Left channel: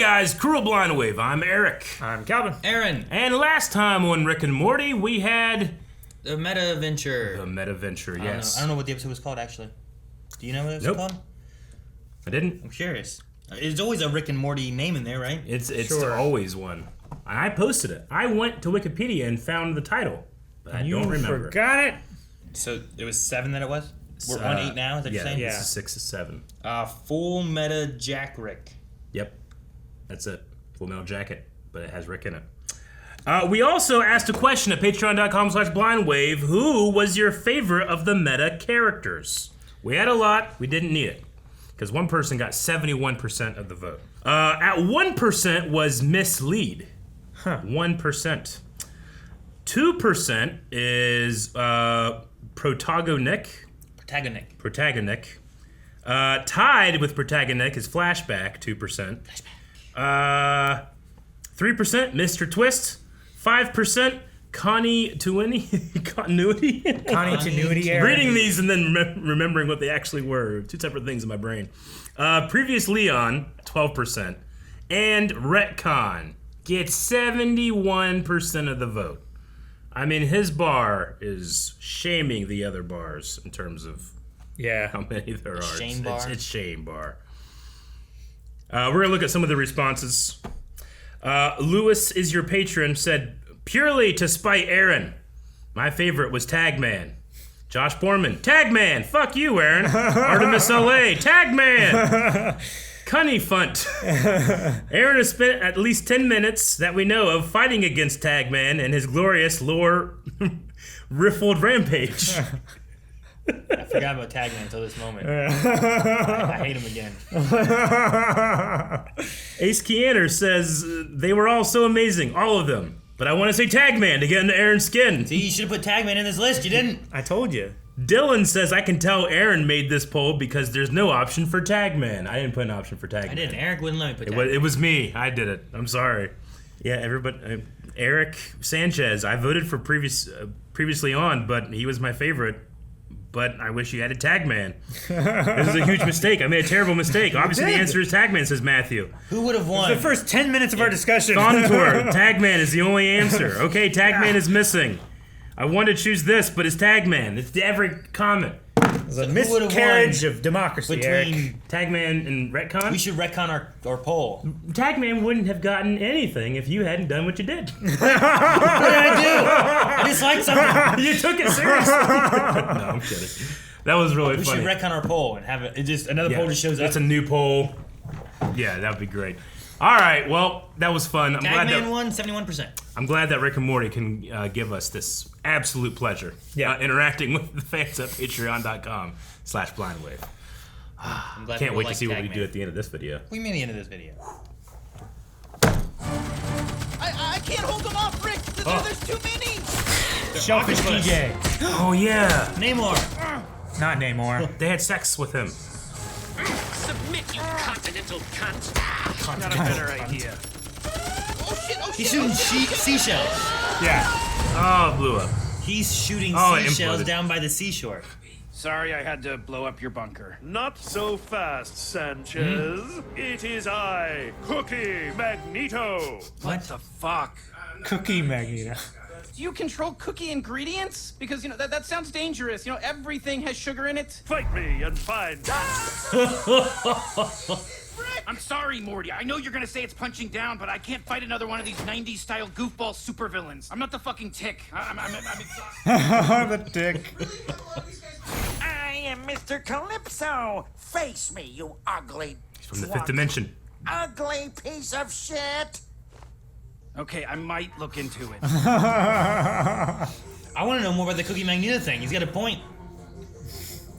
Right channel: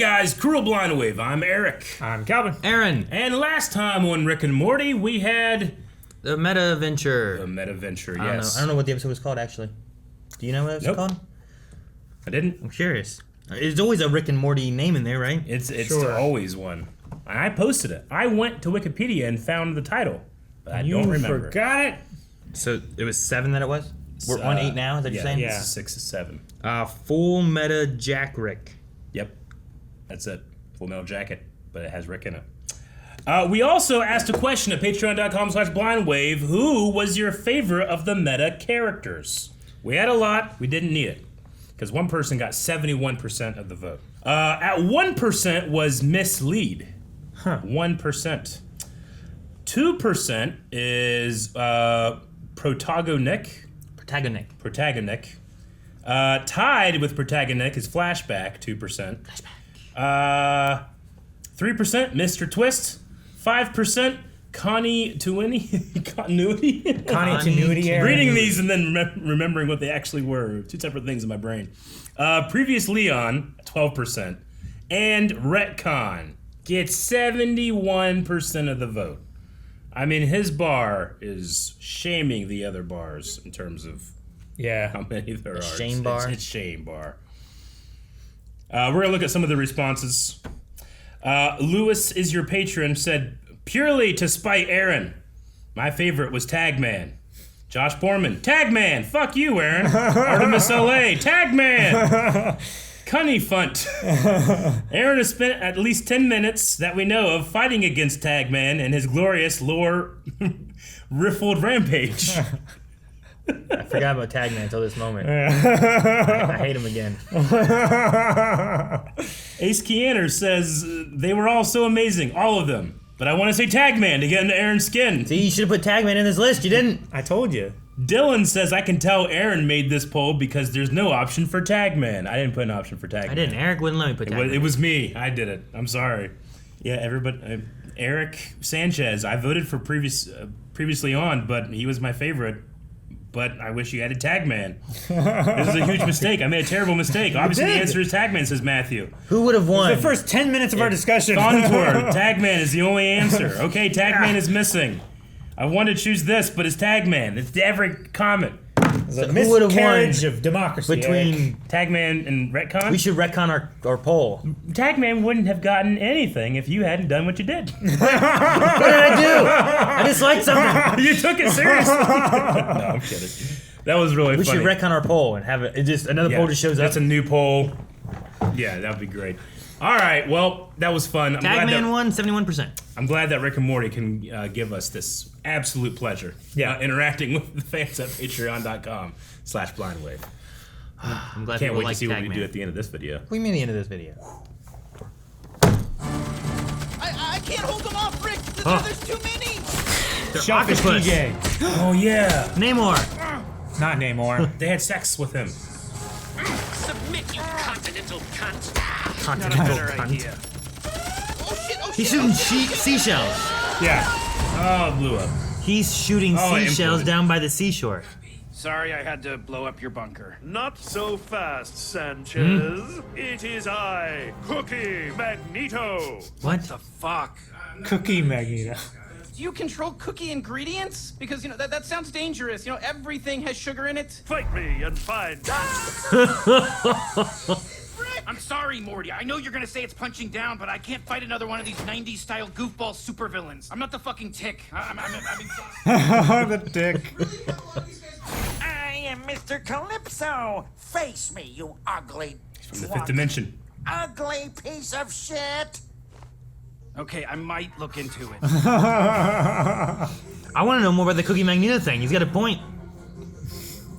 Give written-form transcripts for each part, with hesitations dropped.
guys, Cruel Blind Wave. I'm Eric. I'm Calvin. Aaron. And last time on Rick and Morty, we had... The Meta-Venture. The Meta-Venture, I yes. don't know what the episode was called, actually. Do you know what it was called? I didn't. I'm curious. There's always a Rick and Morty name in there, right? It's Sure. always one. I posted it. I went to Wikipedia and found the title. But I You don't remember. forgot it? So it was 7 that it was? We're on 8 now, is that what you're saying? Yeah, this is 6 to 7. Full Meta Jack Rick. Yep. That's it. Full Metal Jacket, but it has Rick in it. We also asked a question at patreon.com/blindwave. Who was your favorite of the meta characters? We had a lot. We didn't need it. Because one person got 71% of the vote. At 1% was Mislead. 1%. 2% is Protagonic. Tied with Protagonic is Flashback, 2%. 3%, Mr. Twist. 5%, Continuity. Continuity error. Reading these and then remembering what they actually were. Two separate things in my brain. Previous Leon, 12%. And Retcon gets 71% of the vote. I mean, his bar is shaming the other bars in terms of how many there are. Shame bar? It's shame bar. We're going to look at some of the responses. Lewis is your patron said, purely to spite Aaron. My favorite was Tagman. Josh Borman, Tagman, fuck you, Aaron. Artemis LA, Tagman. Cunnyfunt. Aaron has spent at least 10 minutes that we know of fighting against Tagman and his glorious lore riffled rampage. I forgot about Tagman until this moment. I hate him again. Ace Keaner says, they were all so amazing, all of them. But I want to say Tagman to get into Aaron's skin. See, you should have put Tagman in this list. You didn't. I told you. Dylan says, I can tell Aaron made this poll because there's no option for Tagman. I didn't put an option for Tagman. I didn't. Eric wouldn't let me put Tagman. It was me. I did it. I'm sorry. Yeah, everybody. Eric Sanchez, I voted for previously on, but he was my favorite. But I wish you added Tagman. This is a huge mistake. I made a terrible mistake. Obviously, the answer is Tagman, says Matthew. Who would have won? The first 10 minutes of our discussion. Contour. Tagman is the only answer. Okay, Tagman is missing. I want to choose this, but it's Tagman. It's every comment. It's a miscarriage of democracy, between Eric. Tagman and Retcon? We should retcon our poll. Tagman wouldn't have gotten anything if you hadn't done what you did. What did I do? I disliked something. You took it seriously. No, I'm kidding. That was really We funny. should retcon our poll and have it just another poll just shows up. That's a new poll. Yeah, that would be great. All right, well, that was fun. Tagman won 71%. I'm glad that Rick and Morty can give us this absolute pleasure. Interacting with the fans at patreon.com/blindwave. I'm glad Can't wait to see Tagman. what we do at the end of this video. What do you mean the end of this video? I can't hold them off, Rick. There's too many. Shellfish DJ. Oh, yeah. Namor. Not Namor. They had sex with him. Submit, you continental cunt. Not a better idea. Oh, shit. He's shooting seashells. Yeah. Oh, blew up. He's shooting Oh, it seashells imploded. down by the seashore. Sorry I had to blow up your bunker. Not so fast, Sanchez. It is I, Cookie Magneto. What? The fuck? Cookie Magneto. Do you control cookie ingredients? Because, that sounds dangerous. Everything has sugar in it. Fight me and find out. I'm sorry, Morty. I know you're gonna say it's punching down, but I can't fight another one of these 90s-style goofball supervillains. I'm not the fucking Tick. I'm The dick. I am Mr. Calypso. Face me, you ugly, From the fifth dimension. ugly piece of shit. Okay, I might look into it. I want to know more about the Cookie Magneto thing. He's got a point.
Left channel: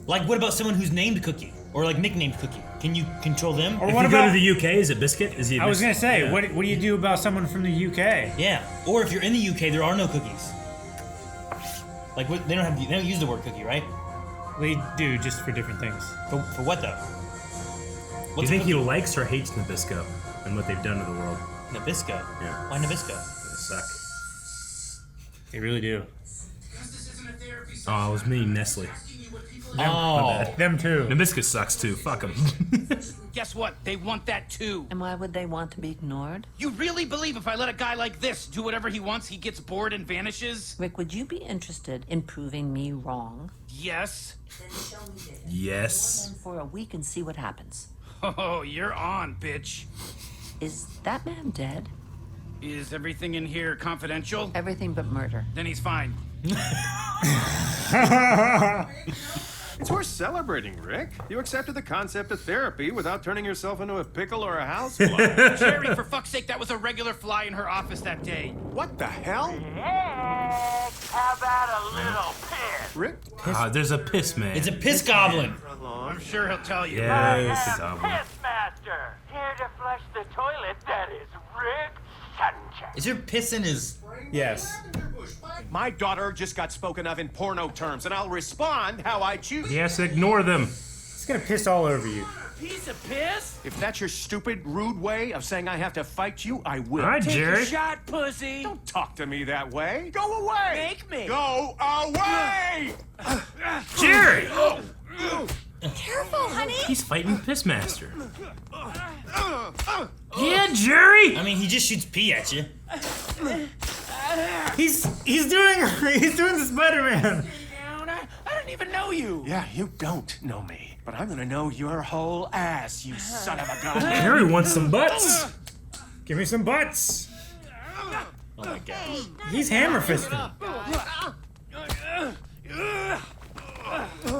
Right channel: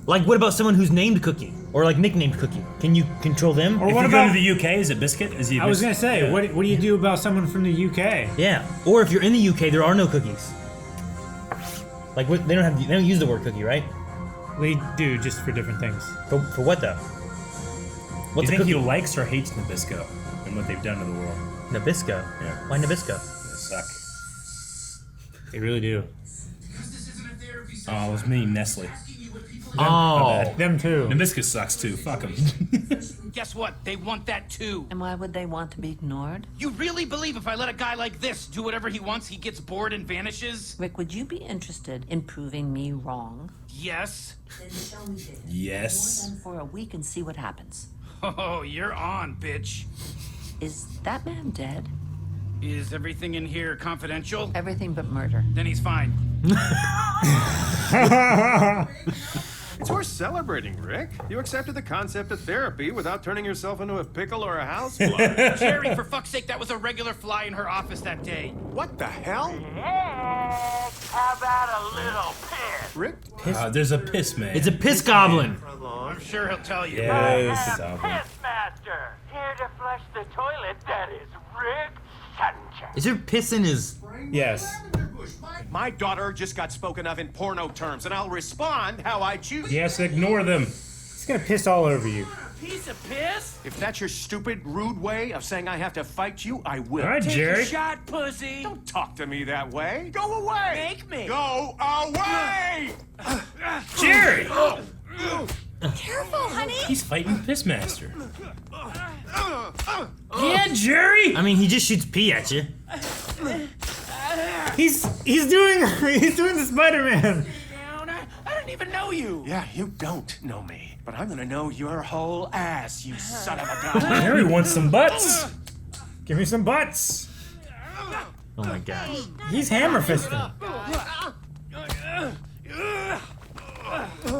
Like, what about someone who's named Cookie? Or, like, nicknamed Cookie? Can you control them? Or If what you go about... to the UK, is it Biscuit? Is he a I was going Biscuit? to say, Yeah. what do you do about someone from the UK? Yeah. Or if you're in the UK, there are no cookies. Like, they don't use the word cookie, right? We do, just for different things. For what, though? Do What's you think a he cookie? likes or hates Nabisco and what they've done to the world? Nabisco? Yeah. Why Nabisco? They suck. They really do. Because this isn't a therapy Oh, it was me, Nestle. Oh. Them too. Nabiscus sucks too. Fuck him. Guess what? They want that too. And why would they want to be ignored? You really believe if I let a guy like this do whatever he wants, he gets bored and vanishes? Rick, would you be interested in proving me wrong? Yes. Yes. For a week and see what happens. Oh, you're on, bitch. Is that man dead? Is everything in here confidential? Everything but murder. Then he's fine. It's worth celebrating, Rick. You accepted the concept of therapy without turning yourself into a pickle or a housefly. Jerry, for fuck's sake, that was a regular fly in her office that day. What the hell? How about a little piss? Rick? There's a piss man. It's a piss goblin. I'm sure he'll tell you. Yes. Pissmaster, here to flush the toilet. That is Rick Sanchez. Is there piss in his... Yes. My daughter just got spoken of in porno terms, and I'll respond how I choose. Yes, ignore them. It's gonna piss all over you. Piece of piss? If that's your stupid, rude way of saying I have to fight you, I will. All right, Take Jerry. a shot, pussy. Don't talk to me that way. Go away. Make me. Go away. Jerry! Careful, honey. He's fighting Pissmaster. Yeah, Jerry! I mean, he just shoots pee at you. He's doing the Spider-Man. Down. I don't even know you. Yeah, you don't know me, but I'm gonna know your whole ass, you son of a gun. Jerry wants some butts. Give me some butts. Oh my gosh. He's hammer fisting. Oh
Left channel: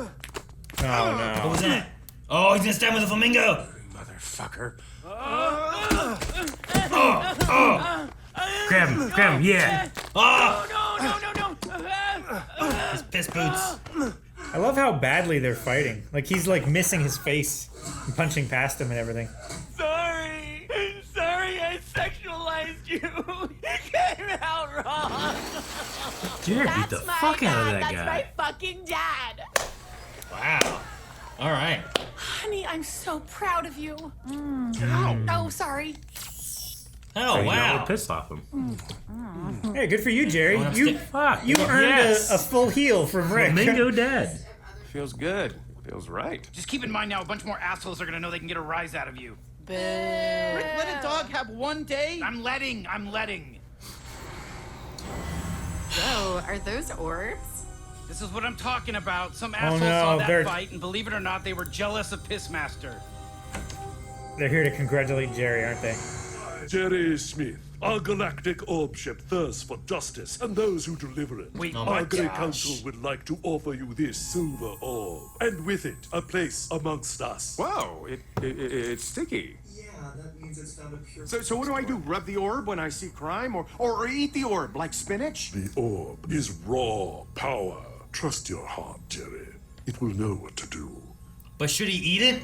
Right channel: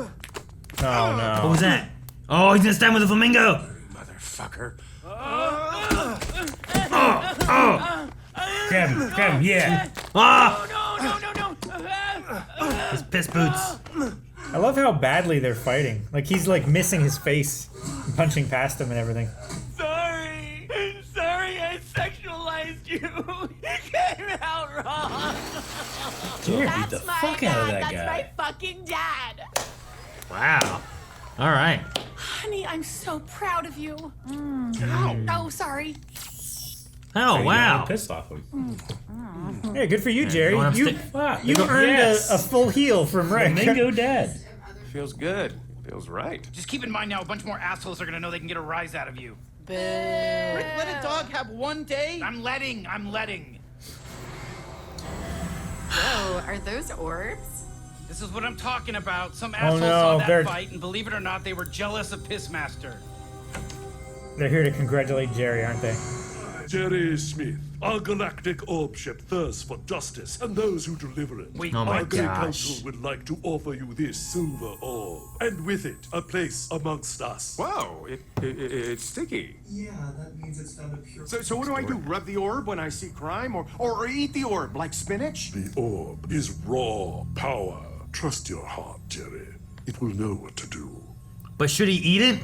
What no. was that? Oh, he's gonna stab with a flamingo. Motherfucker. Grab him, yeah. Ah! No. His piss boots. I love how badly they're fighting. Like he's like missing his face, and punching past him and everything. Sorry, I sexualized you. You came out wrong. Jerry beat the fuck out of that That's guy. my fucking dad. Wow. All right. Honey, I'm so proud of you. Oh, sorry. Oh, You wow. really pissed off him. Hey, good for you, Jerry. wanna You stick- you earned Yes. a full heal from Rick. Bingo Dad. Feels good. Feels right. Just keep in mind now, a bunch more assholes are gonna know they can get a rise out of you. Boo. Rick, let a dog have one day. I'm letting. Whoa, are those orbs? This is what I'm talking about. Some asshole no, saw that they're- fight, and believe it or not, they were jealous of Pissmaster. They're here to congratulate Jerry, aren't they? Jerry Smith, our galactic orb ship thirsts for justice and those who deliver it. Wait, Oh my Our great gosh. council would like to offer you this silver orb, and with it, a place amongst us. Whoa, it's sticky. Yeah, that means it's not a pure. So what do I do? Rub the orb when I see crime, or eat the orb like spinach? The orb is raw power. Trust your heart, Jerry. It will know what to do. But should he eat it?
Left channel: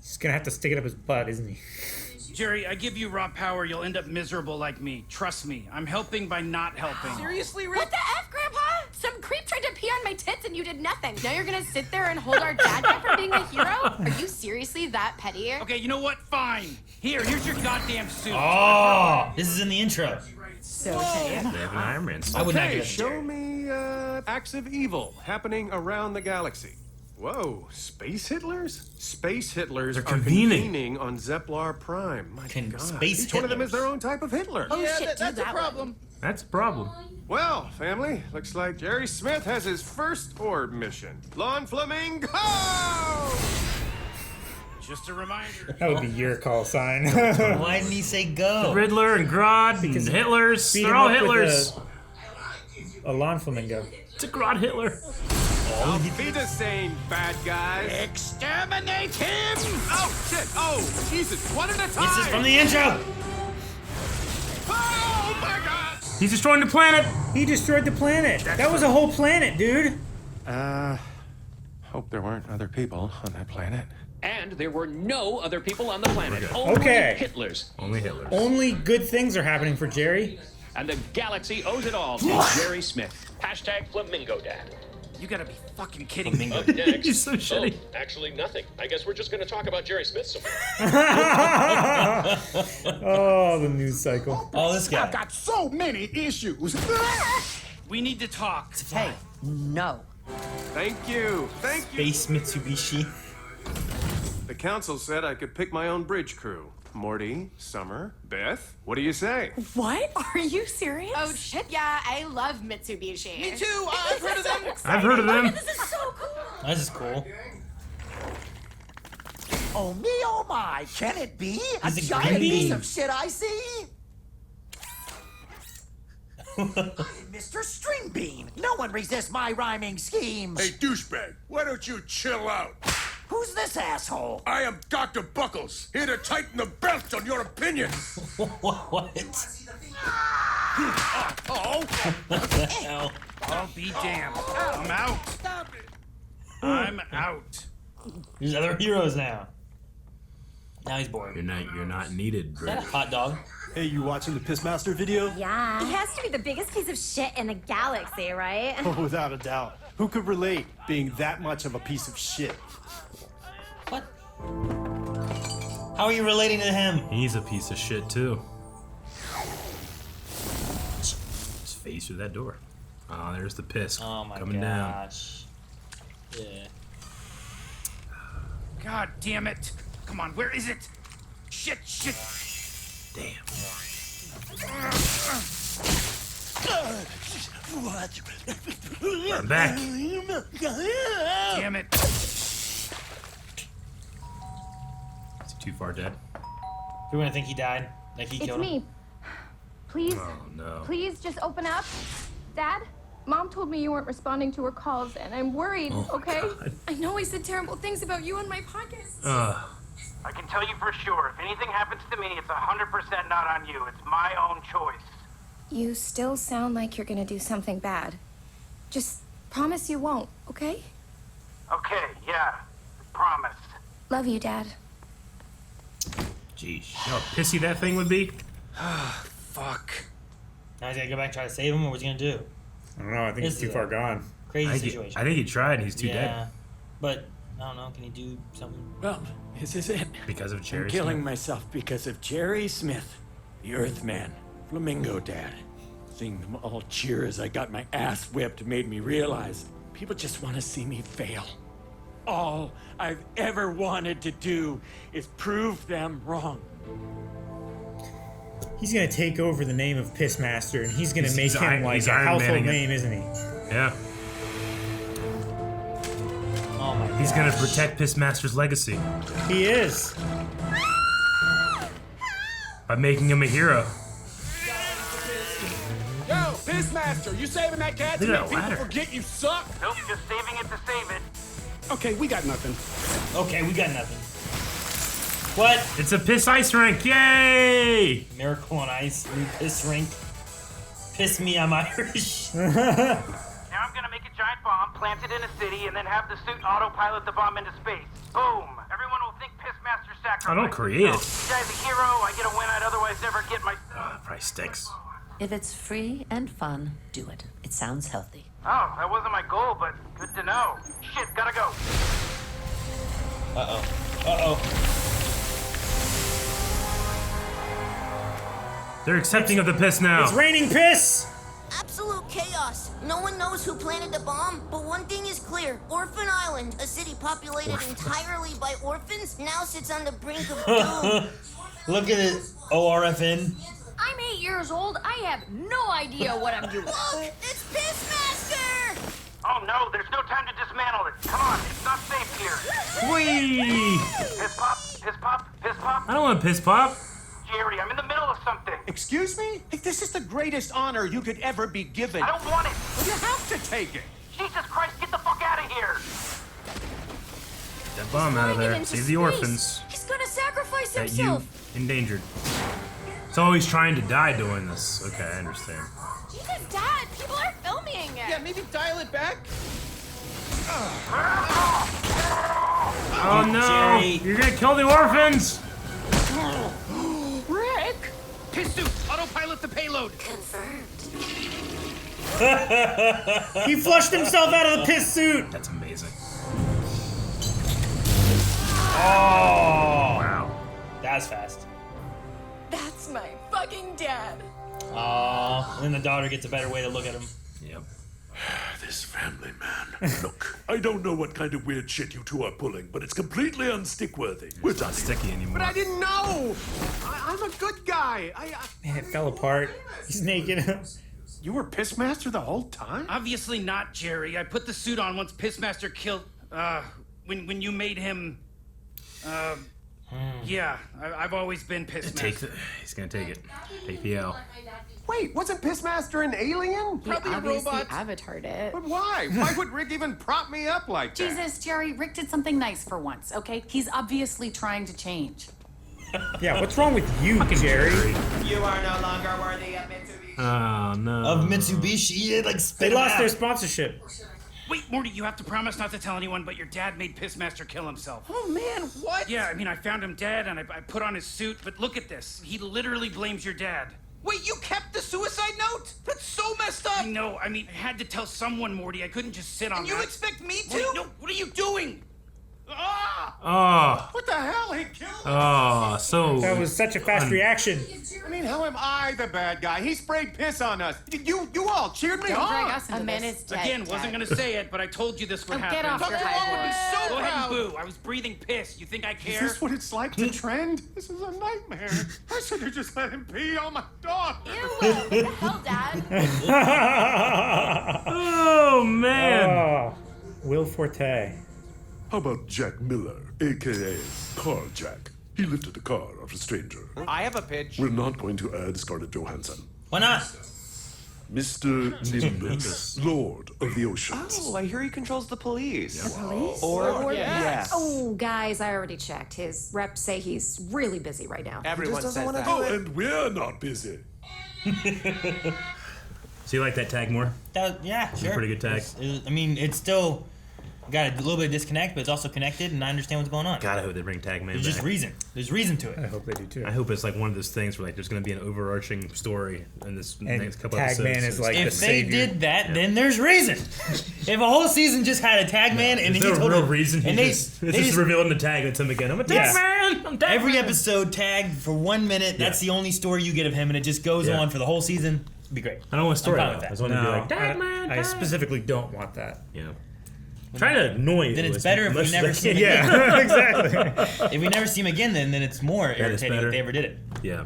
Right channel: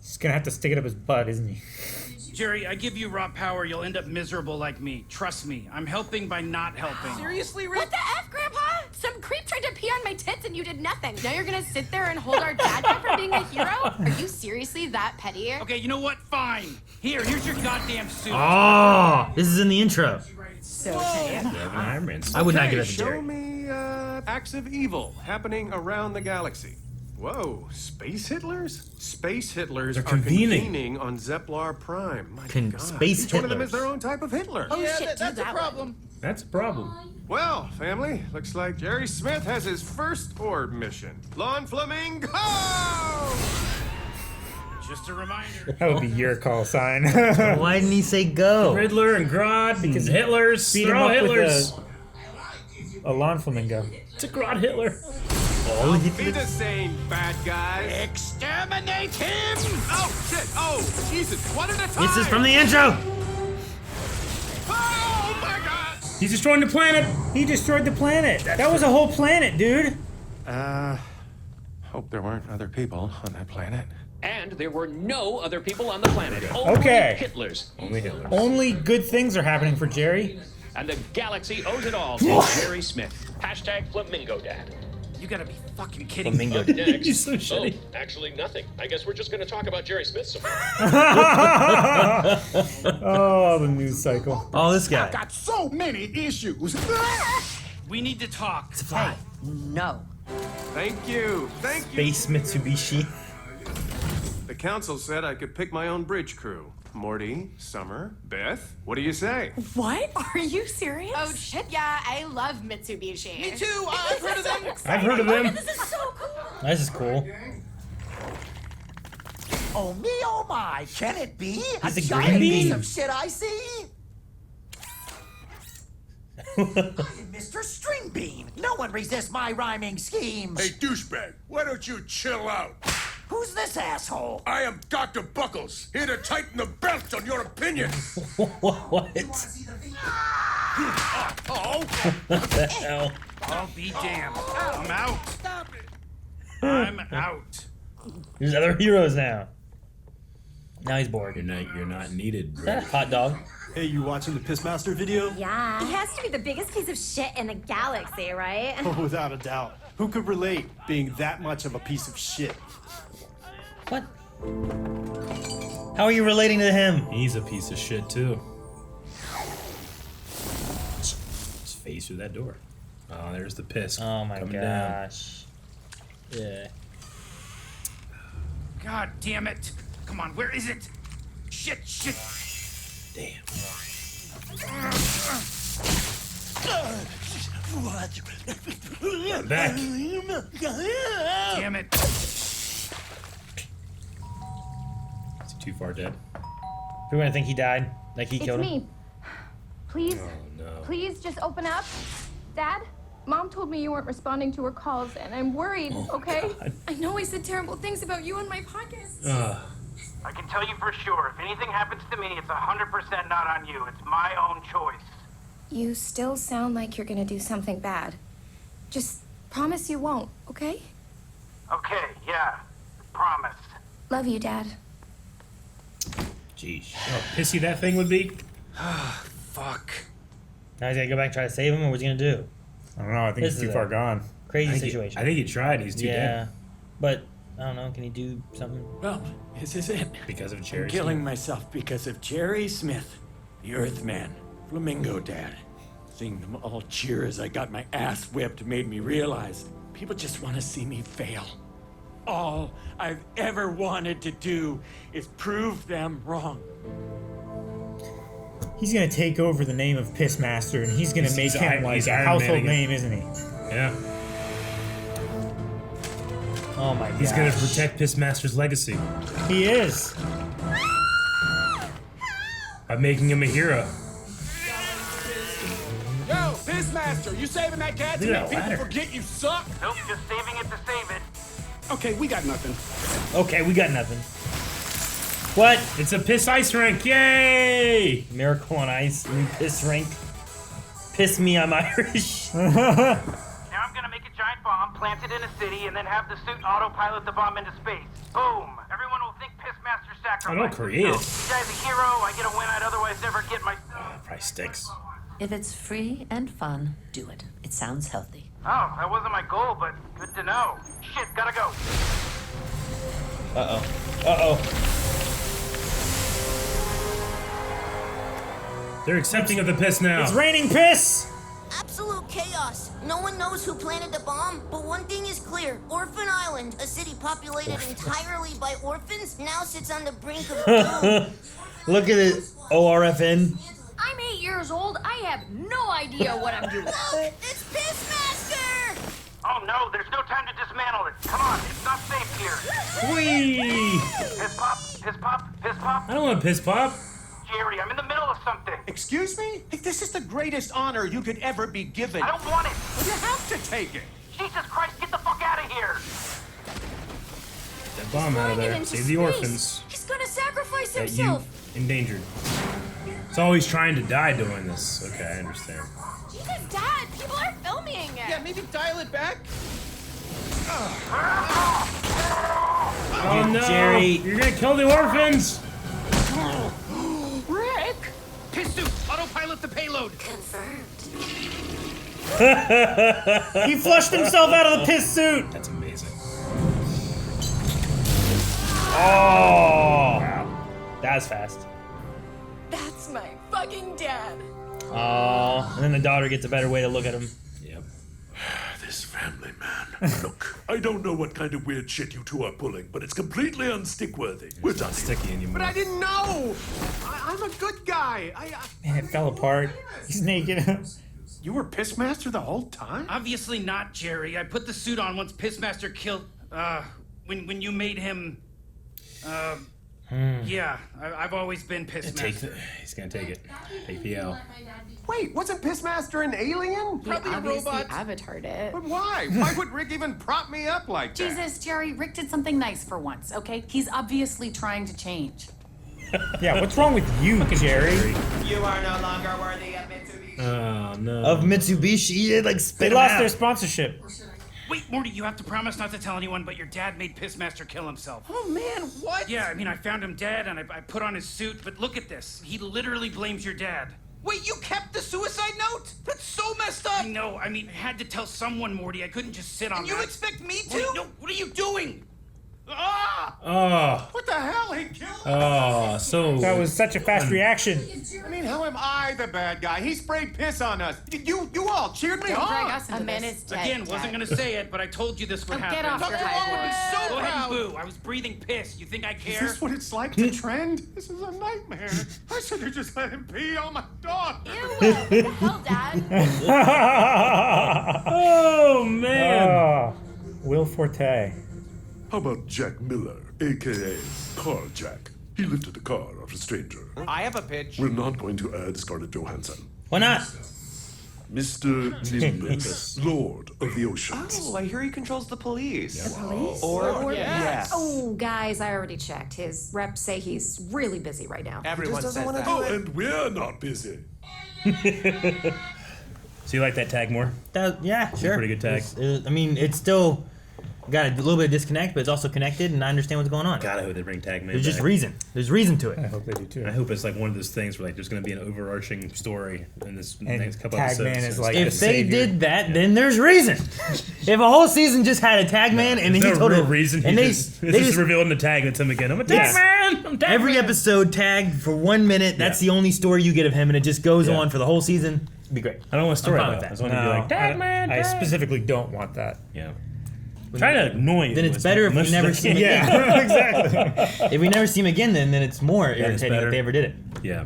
He's gonna have to stick it up his butt, isn't he? Jerry, I give you raw power, you'll end up miserable like me. Trust me, I'm helping by not helping. Seriously, Rick? What the F, Grandpa? Some creep tried to pee on my tits and you did nothing. Now you're gonna sit there and hold our dad back from being a hero? Are you seriously that petty? Okay, you know what? Fine. Here's your goddamn suit. Oh, this is in the intro. So tame. I would not Okay, give that to show Jerry. me acts of evil happening around the galaxy. Whoa, space Hitlers? Space Hitlers are convening on Zeplar Prime. My God, space each one of them is Hitlers. their own type of Hitler. Oh shit, that's do that a problem. one. That's a problem. Well, family, looks like Jerry Smith has his first orb mission. Lawn Flamingo! Just a reminder. That'll be your call sign. Why didn't he say go? Riddler and Grodd and Hitlers. Beat They're him all up with Hitlers. a lawn flamingo. It's a Grodd Hitler. Auf Wiedersehen, bad guys. Exterminate him! Oh, shit! Oh, Jesus, one at a time! This is from the intro. Oh, my God! He's destroying the planet. He destroyed the planet. That was a whole planet, dude. Hope there weren't other people on that planet. And there were no other people on the planet. Only Okay. Hitlers. Only Hitlers. Only good things are happening for Jerry. And the galaxy owes it all to Jerry Smith. Hashtag Flamingo Dad. You gotta be fucking kidding me. Up next. He's so shitty. Oh, actually nothing. I guess we're just gonna talk about Jerry Smith some more. Oh, the news cycle. Oh, this guy. Got so many issues. We need to talk. Hey, no. Thank you. Thank you. Space Mitsubishi. The council said I could pick my own bridge crew. Morty, Summer, Beth, what do you say? What? Are you serious? Oh shit, yeah, I love Mitsubishi. Me too. I've heard of them. I've heard of them. This is so cool. This is cool. Oh me, oh my, can it be? A He's a giant green piece bean. of shit I see? Mr. String Bean, no one resists my rhyming schemes. Hey, douchebag, why don't you chill out? Who's this asshole? I am Dr. Buckles, here to tighten the belt on your opinions. What? What the hell? I'll be damned. I'm out. Stop it. I'm out. There's other heroes now. Now he's bored. You're not needed. Is that a hot dog? Hey, you watching the Pissmaster video? Yeah. He has to be the biggest piece of shit in the galaxy, right? Oh, without a doubt. Who could relate being that much of a piece of shit? What? How are you relating to him? He's a piece of shit too. Just phase through that door. Oh, there's the piss. Oh my coming gosh. Yeah. God damn it. Come on, where is it? Shit. Damn. I'm back. Damn it. Is he too far dead? We're gonna think he died. Like he It's killed him. me. Please, Oh no. please just open up. Dad, Mom told me you weren't responding to her calls, and I'm worried, okay? God. I know I said terrible things about you on my podcast. I can tell you for sure, if anything happens to me, it's 100% not on you. It's my own choice. You still sound like you're gonna do something bad. Just promise you won't, okay? Okay, yeah. Promise. Love you, Dad. Jeez. You know how pissy that thing would be? Fuck. Now he's gotta go back and try to save him, or what's he gonna do? I don't know. I think This he's too is far a gone. Crazy situation. I think he tried. He's too yeah. dead. But, I don't know, can he do something? Well, this is it. Because of I'm Jerry. killing myself because of Jerry Smith, the Earthman, Flamingo Dad. Seeing them all cheer as I got my ass whipped made me realize people just want to see me fail. All I've ever wanted to do is prove them wrong. He's gonna take over the name of Pissmaster, and he's gonna make him like a household name, isn't he? Yeah. Oh my god. He's gonna protect Pissmaster's legacy. He is. By making him a hero. Yo, Pissmaster, you saving that cat to Dude, make people ladder. forget you suck? Nope, just saving it to save it. Okay, we got nothing. Okay, we got nothing. What? It's a piss ice rink! Yay! Miracle on Ice, new piss rink. Piss me, I'm Irish. Now I'm gonna make a giant bomb, plant it in a city, and then have the suit autopilot the bomb into space. Boom! Everyone will think Pissmaster sacrificed. Oh, don't create it. This guy's a hero. I get a win I'd otherwise never get my. Probably stinks. If it's free and fun, do it. It sounds healthy. Oh, that wasn't my goal, but good to know. Shit, gotta go. Uh-oh. Uh-oh. They're accepting of the piss now. It's raining piss! Absolute chaos. No one knows who planted the bomb, but one thing is clear. Orphan Island, a city populated entirely by orphans, now sits on the brink of doom. Look at it, ORFN. I'm 8 years old. I have no idea what I'm doing. Look, it's Pissmaster! Oh no, there's no time to dismantle it. Come on, it's not safe here. Whee! Piss pop, piss pop, piss pop. I don't want piss pop. Jerry, I'm in the middle of something. Excuse me? This is the greatest honor you could ever be given. I don't want it. Well, you have to take it. Jesus Christ, get the fuck out of here. That bomb out of there. Save the orphans. He's gonna sacrifice That himself. you endangered. It's always trying to die doing this. Okay, I understand. Jesus, Dad, people are filming. Yeah, maybe dial it back. Oh no! Jerry. You're gonna kill the orphans! Rick! Piss suit, autopilot the payload. Confirmed. He flushed himself out of the piss suit! That's amazing. Oh! Wow. That was fast. That's my fucking dad. Oh, and then the daughter gets a better way to look at him. Yep. This family, man. Look, I don't know what kind of weird shit you two are pulling, but it's completely unstick-worthy. We're done sticky anymore. But I didn't know! I'm a good guy. Man, it fell apart. He's naked. You were Pissmaster the whole time? Obviously not, Jerry. I put the suit on once Pissmaster killed, when you made him, yeah, I've always been Pissmaster. He's gonna take it. Take the L. Wait, wasn't Pissmaster an alien? Probably a robot. Avatared it. But why? Why would Rick even prop me up like that? Jesus, Jerry, Rick did something nice for once, okay? He's obviously trying to change. Yeah, what's wrong with you, Jerry? You are no longer worthy of Mitsubishi. Oh, no. Of Mitsubishi, it like spit They lost out. their sponsorship. Wait, Morty, you have to promise not to tell anyone, but your dad made Pissmaster kill himself. Oh, man, what? Yeah, I mean, I found him dead, and I put on his suit, but look at this. He literally blames your dad. Wait, you kept the suicide note? That's so messed up. I know, I mean, I had to tell someone, Morty. I couldn't just sit on And that. you expect me to? Morty, no, what are you doing? Ah! Oh. What the hell? He killed me. Oh, so... That was such a fast reaction. I mean, how am I the bad guy? He sprayed piss on us. You all cheered me Don't on. drag us into A man this. is dead. Again, wasn't gonna say it, but I told you this would happen. Get off your Dr. high Wong would be horse. so Go ahead and proud. boo. I was breathing piss. You think I Is care? this what it's like to trend? This is a nightmare. I should have just let him pee on my dog. Ew, what the hell, Dad? Oh, man. Oh, Will Forte. How about Jack Miller, a.k.a. Car Jack? He lifted a car off a stranger. I have a pitch. We're not going to add Scarlett Johansson. Why not? Mr. Nimbus, Lord of the Oceans. Oh, I hear he controls the police. The police? Yes. Oh, guys, I already checked. His reps say he's really busy right now. Everyone just doesn't says wanna that. Oh, and we're not busy. So you like that tag more? Yeah, sure. Pretty good tag. I mean, it's still got a little bit of disconnect, but it's also connected, and I understand what's going on. God, I hope they bring Tag Man There's just back. reason. There's reason to I it. hope they do too. I hope it's like one of those things where like there's going to be an overarching story in this And next couple Tag episodes. Man is like the If they savior. did that, then there's reason. If a whole season just had a tag man and There's he no told real him, reason. and It's they just just revealing the tag and it's him again. I'm a tag Yes. man. I'm tag every man. episode tagged for 1 minute. That's the only story you get of him, and it just goes Yeah. on for the whole season. It'd be great. I don't want a story I'm fine though. with I that. just want to be like tag man. I tag. specifically don't want that. Yeah. I'm trying to annoy you. Then it's as better if much we as never I see can. him Yeah, exactly. If we never see him again, then it's more it's irritating better. if they ever did it. Yeah.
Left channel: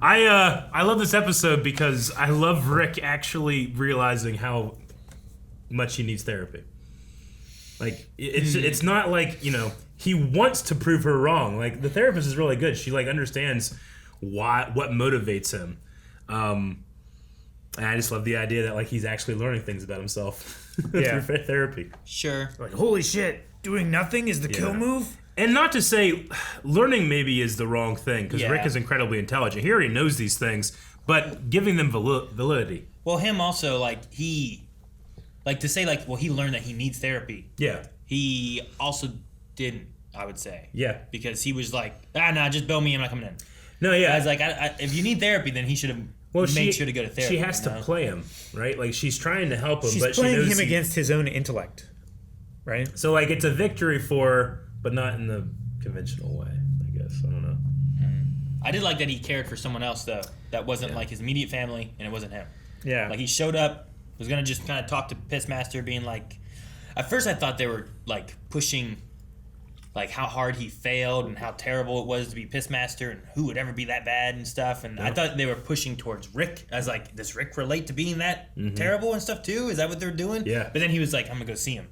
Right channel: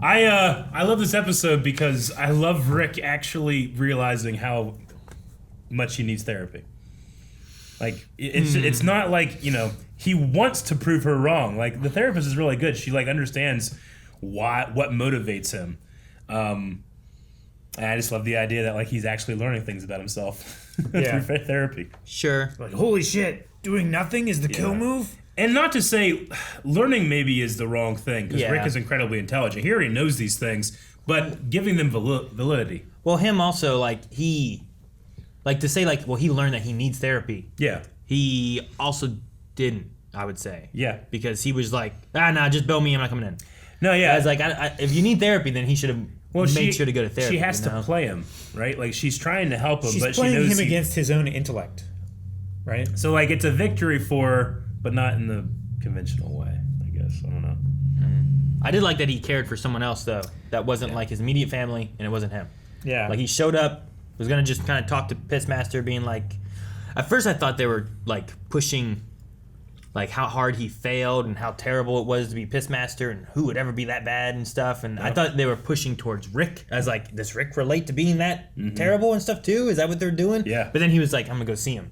I love this episode because I love Rick actually realizing how much he needs therapy. Like it's not like, you know, he wants to prove her wrong. Like the therapist is really good. She like understands what motivates him. And I just love the idea that like he's actually learning things about himself Yeah. through therapy. Sure. Like, holy shit, doing nothing is the kill move? And not to say learning maybe is the wrong thing, because Yeah. Rick is incredibly intelligent. He already knows these things, but giving them validity. Well, him also, like, to say, like, well, he learned that he needs therapy. Yeah. He also didn't, I would say. Yeah. Because he was like, nah, just bail me, I'm not coming in. No, yeah. I was like, if you need therapy, then he should have made sure to go to therapy. She has you to know? play him, right? Like, she's trying to help him, She's but playing she knows him against his own intellect, right? So, like, it's a victory for her, but not in the conventional way, I guess. I don't know. I did like that he cared for someone else, though. That wasn't, like, his immediate family, and it wasn't him. Yeah. Like, he showed up, was going to just kind of talk to Pissmaster, being like... At first, I thought they were, like, pushing, like, how hard he failed and how terrible it was to be Pissmaster and who would ever be that bad and stuff. And I thought they were pushing towards Rick. I was like, does Rick relate to being that terrible and stuff, too? Is that what they're doing? Yeah. But then he was like, I'm going to go see him.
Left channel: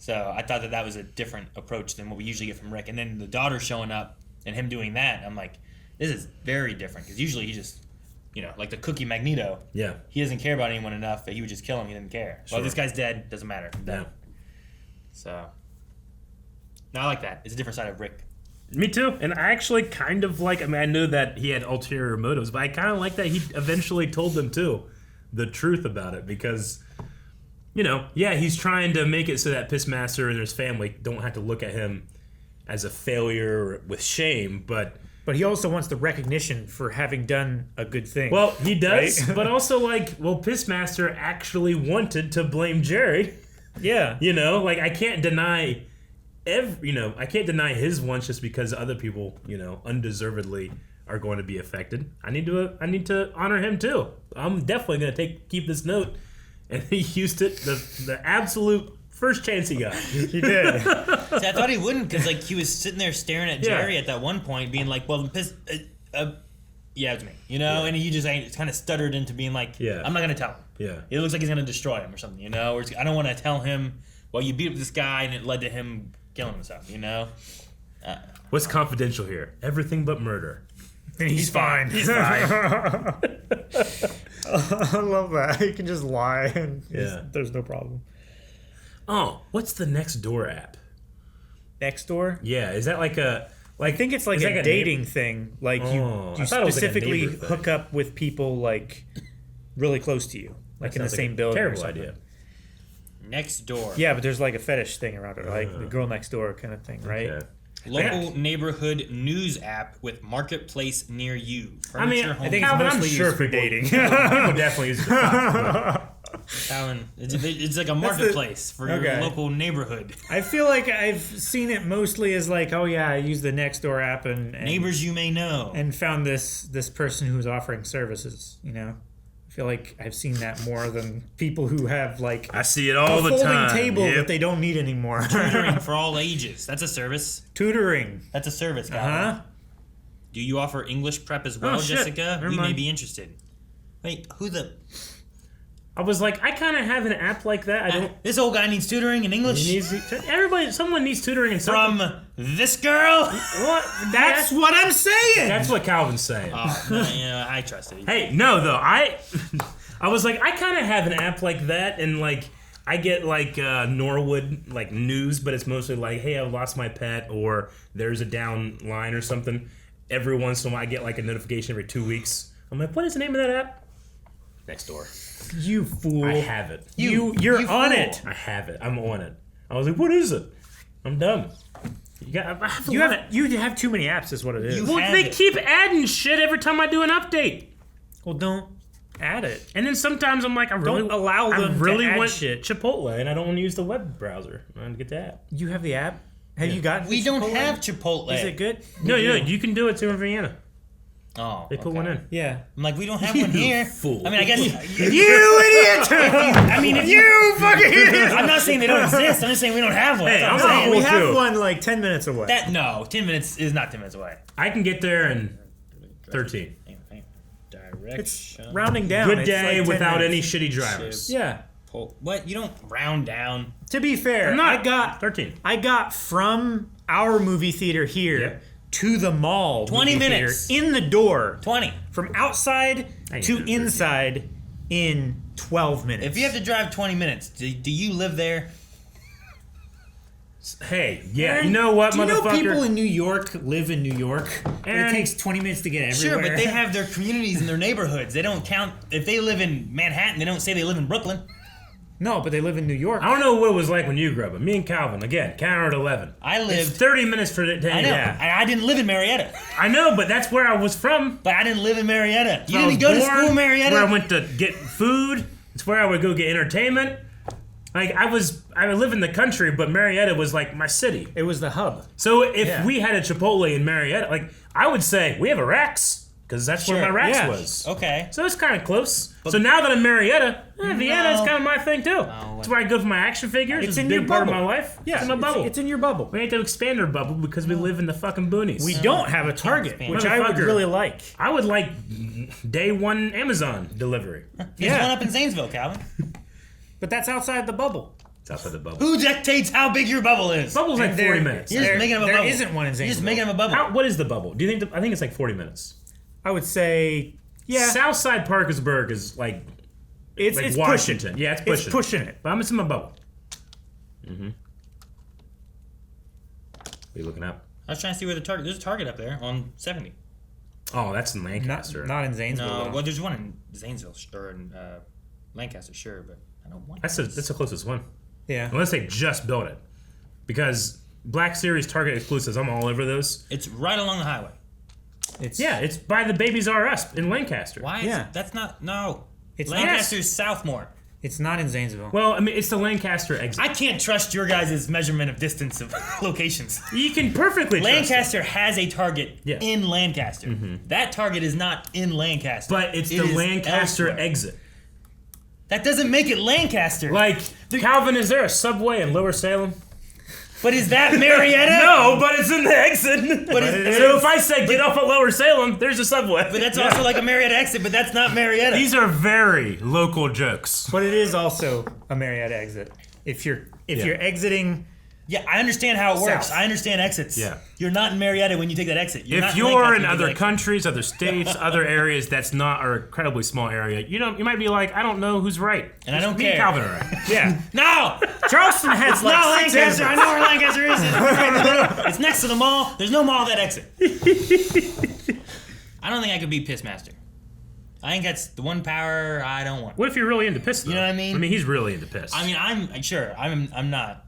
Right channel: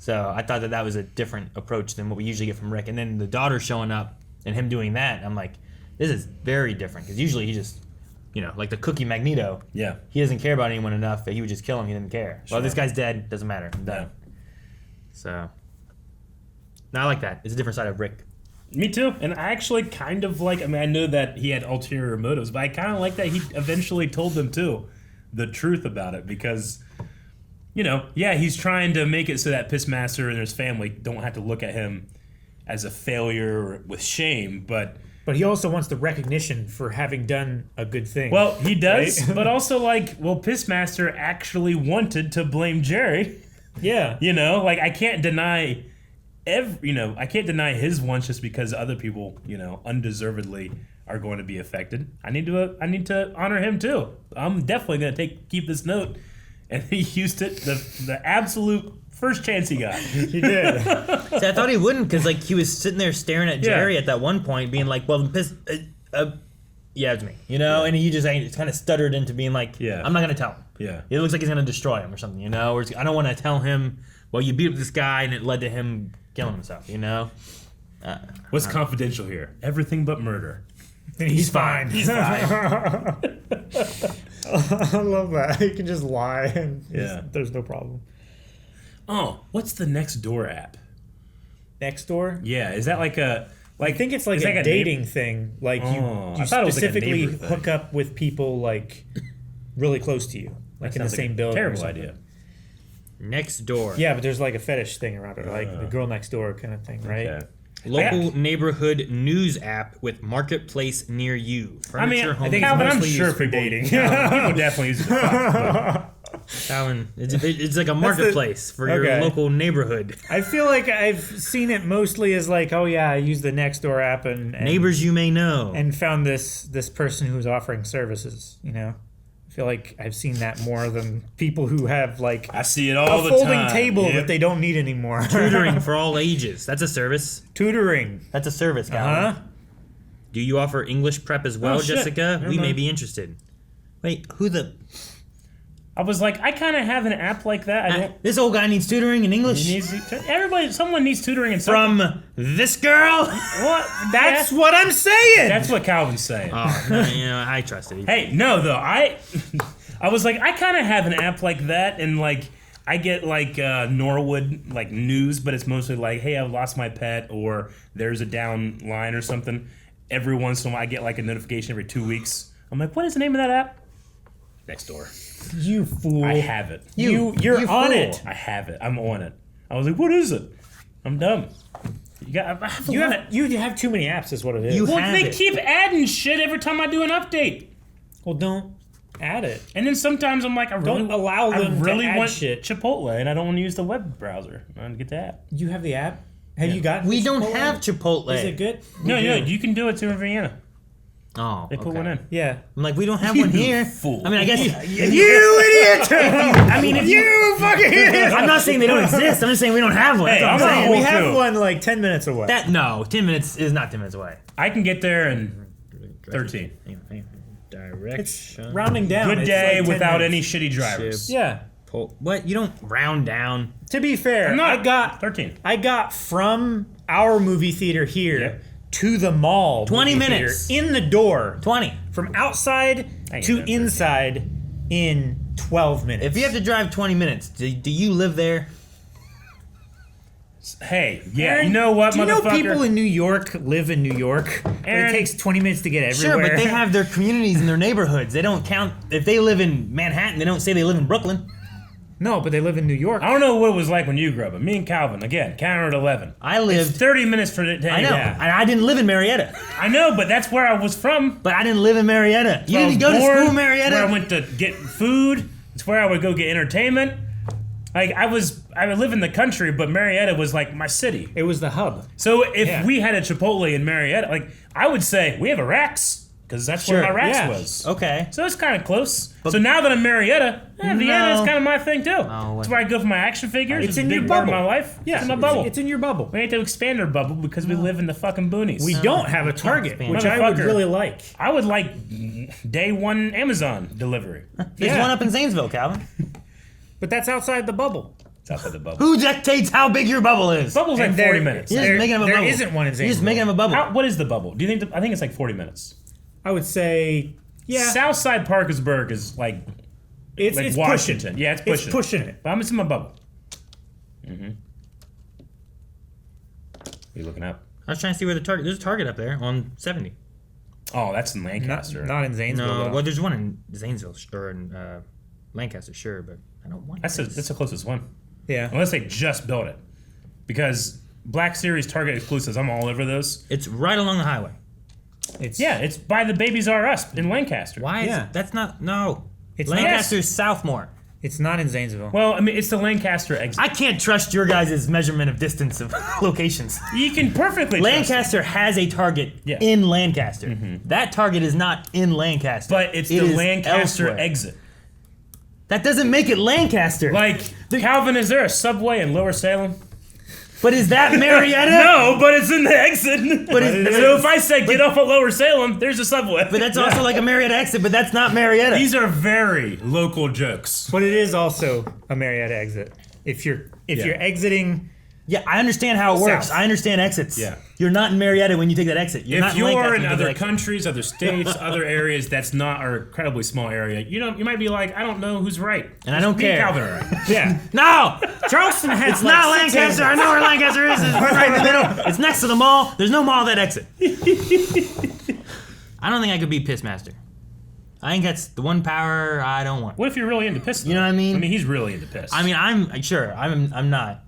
So I thought that was a different approach than what we usually get from Rick. And then the daughter showing up and him doing that, I'm like, this is very different. Because usually he just, you know, like the cookie Magneto. Yeah. He doesn't care about anyone enough that he would just kill him. He didn't care. Sure. Well, this guy's dead. Doesn't matter. I'm done. Yeah. So, no, I like that. It's a different side of Rick. Me too. And I actually kind of like, I mean, I know that he had ulterior motives, but I kind of like that he eventually told them, too, the truth about it. Because, you know, yeah, he's trying to make it so that Pissmaster and his family don't have to look at him as a failure with shame, but he also wants the recognition for having done a good thing. well, he does, right? but also like, well, Pissmaster actually wanted to blame Jerry. Yeah. You know, like I can't deny I can't deny his wants just because other people, you know, undeservedly are going to be affected. I need to honor him too. I'm definitely going to keep this note and he used it the absolute first chance he got. He did. See, I thought he wouldn't because like he was sitting there staring at Jerry at that one point, being like, "Well, yeah, it's me," you know, and he just kind of stuttered into being like, "I'm not gonna tell him." Yeah, it looks like he's gonna destroy him or something, you know, or I don't want to tell him. Well, you beat up this guy, and it led to him killing himself, you know. What's confidential here? Everything but murder. Then he's fine. He's fine. I love that. You can just lie and there's no problem. Oh, what's the Nextdoor app? Nextdoor? Yeah, is that like a... I think it's like a dating thing. Like you specifically hook up with people like really close to you, like in the same building. Terrible or something. idea. Nextdoor. Yeah, but there's like a fetish thing around it, like the girl next door kind of thing, right? Okay. Local neighborhood news app with marketplace near you. Furniture, I think it's mostly used for dating. People definitely use it. It's like a marketplace for your local neighborhood. I feel like I've seen it mostly as like, oh yeah, I use the Nextdoor app and neighbors you may know, and found this person who's offering services. You know, I feel like I've seen that more than people who have like I see it all the time. A folding table that they don't need anymore. Tutoring for all ages. That's a service. Tutoring. That's a service, guy. Do you offer English prep as well, Jessica? We may be interested. Wait, who the? I was like, I kind of have an app like that. I don't. This old guy needs tutoring in English. Someone needs tutoring in something. From this girl. What? That's what I'm saying. That's what Calvin's saying. Oh, no, I trust it. Hey, no, though I was like, I kind of have an app like that, and like I get like Norwood like news, but it's mostly like, hey, I've lost my pet, or there's a down line or something. Every once in a while, I get like a notification every 2 weeks. I'm like, what is the name of that app? Nextdoor. You fool. I have it. You're on it. I have it. I'm on it. I was like, what is it? I'm dumb. You have too many apps is what it is. They keep adding shit every time I do an update. Well, don't add it. And then sometimes I'm like, I really want Chipotle, and I don't want to use the web browser. I want to get the app. You have the app? Have you gotten We don't have Chipotle. Is it good? No, you can do it too in Vienna. Oh, they put one in. Yeah, I'm like, we don't have one here. Fool. I mean, I guess you idiot. I mean, you fucking idiot. I'm not saying they don't exist. I'm just saying we don't have one. Hey, I'm saying we have one like 10 minutes away. 10 minutes is not 10 minutes away. I can get there in 13. It's rounding down. Good day like without any shitty drivers. Yeah. What? You don't round down. To be fair, I got 13. I got from our movie theater here to the mall 20 movie minutes theater, in the door. 20 from outside to inside in 12 minutes. If you have to drive 20 minutes, do you live there? Hey, yeah, you know what, do you motherfucker? know people in New York live in New York? It takes 20 minutes to get everywhere. Sure, but they have their communities and their neighborhoods. They don't count. If they live in Manhattan, they don't say they live in Brooklyn. No, but they live in New York. I don't know what it was like when you grew up, but me and Calvin, again, counter at 11. I lived... It's 30 minutes for the day. I know, and I didn't live in Marietta. I know, but that's where I was from. But I didn't live in Marietta. You didn't go to school in Marietta? Where I went to get food. It's where I would go get entertainment. Like, I live in the country, but Marietta was like my city. It was the hub. So if we had a Chipotle in Marietta, like, I would say, we have a Rax. Because that's where my Rax was. Okay. So it's kind of close. So now that I'm Marietta, Vienna is kind of my thing too. It's where I go for my action figures. It's in a big your part bubble. of my life. Yeah, it's in my bubble. It's in your bubble. We need to expand our bubble because we live in the fucking boonies. We don't have a Target, which I would really like. I would like day one Amazon delivery. There's one up in Zanesville, Calvin. But that's outside the bubble. It's outside the bubble. Who dictates how big your bubble is? Bubble's like 40 minutes. You're just making up a bubble. There isn't one in Zanesville. You're just making up a bubble. What is the bubble? Do you think? I think it's like 40 minutes. I would say, yeah. Southside Parkersburg is like it's Washington. pushing. Yeah, it's pushing. It's pushing it. But I'm in my bubble. Mm-hmm. What are you looking up? I was trying to see where the Target. There's a Target up there on 70. Oh, that's in Lancaster. Not in Zanesville. No, well, there's one in Zanesville or in Lancaster, sure, but I don't want. That's the closest one. Yeah. Unless they just built it, because Black Series Target exclusives, I'm all over those. It's right along the highway. It's by the Babies R Us in Lancaster. Why? That's not. No. It's Lancaster's Southmore. It's not in Zanesville. Well, I mean, it's the Lancaster exit. I can't trust your guys' measurement of distance of locations. You can perfectly Lancaster has a Target in Lancaster. Mm-hmm. That Target is not in Lancaster. But it's the Lancaster exit. That doesn't make it Lancaster. Like, Calvin, is there a Subway in Lower Salem? But is that Marietta? No, but it's in the exit. So if I say get off at Lower Salem, there's a Subway. But that's also like a Marietta exit, but that's not Marietta. These are very local jokes. But it is also a Marietta exit. If you're exiting... Yeah, I understand how it works. South. I understand exits. Yeah. You're not in Marietta when you take that exit. If you're in other countries, other states, other areas that's not our incredibly small area, you might be like, I don't know who's right. And I don't care. Calvin are right. Yeah. No! Charleston has It's like not 6 Lancaster. I exits. know where Lancaster is. It's right in the middle. It's next to the mall. There's no mall that exit. I don't think I could be Pissmaster. I think that's the one power I don't want. What if you're really into piss, though? You know what I mean? I mean, he's really into piss. I mean, I'm not.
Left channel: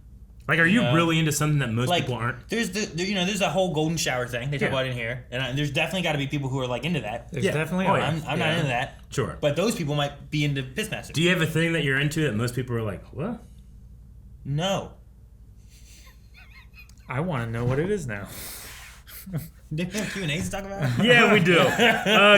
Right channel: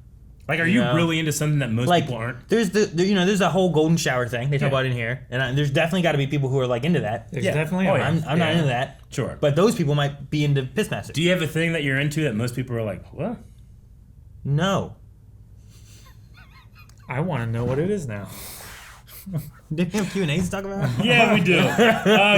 Like, are you really into something that most people aren't? There's there's that whole golden shower thing they talk about in here, and there's definitely got to be people who are like into that. There's definitely. I'm not into that. Sure. But those people might be into Pissmaster. Do you have a thing that you're into that most people are like, what? No. I want to know what it is now. Do we have Q&As to talk about? Yeah, we do.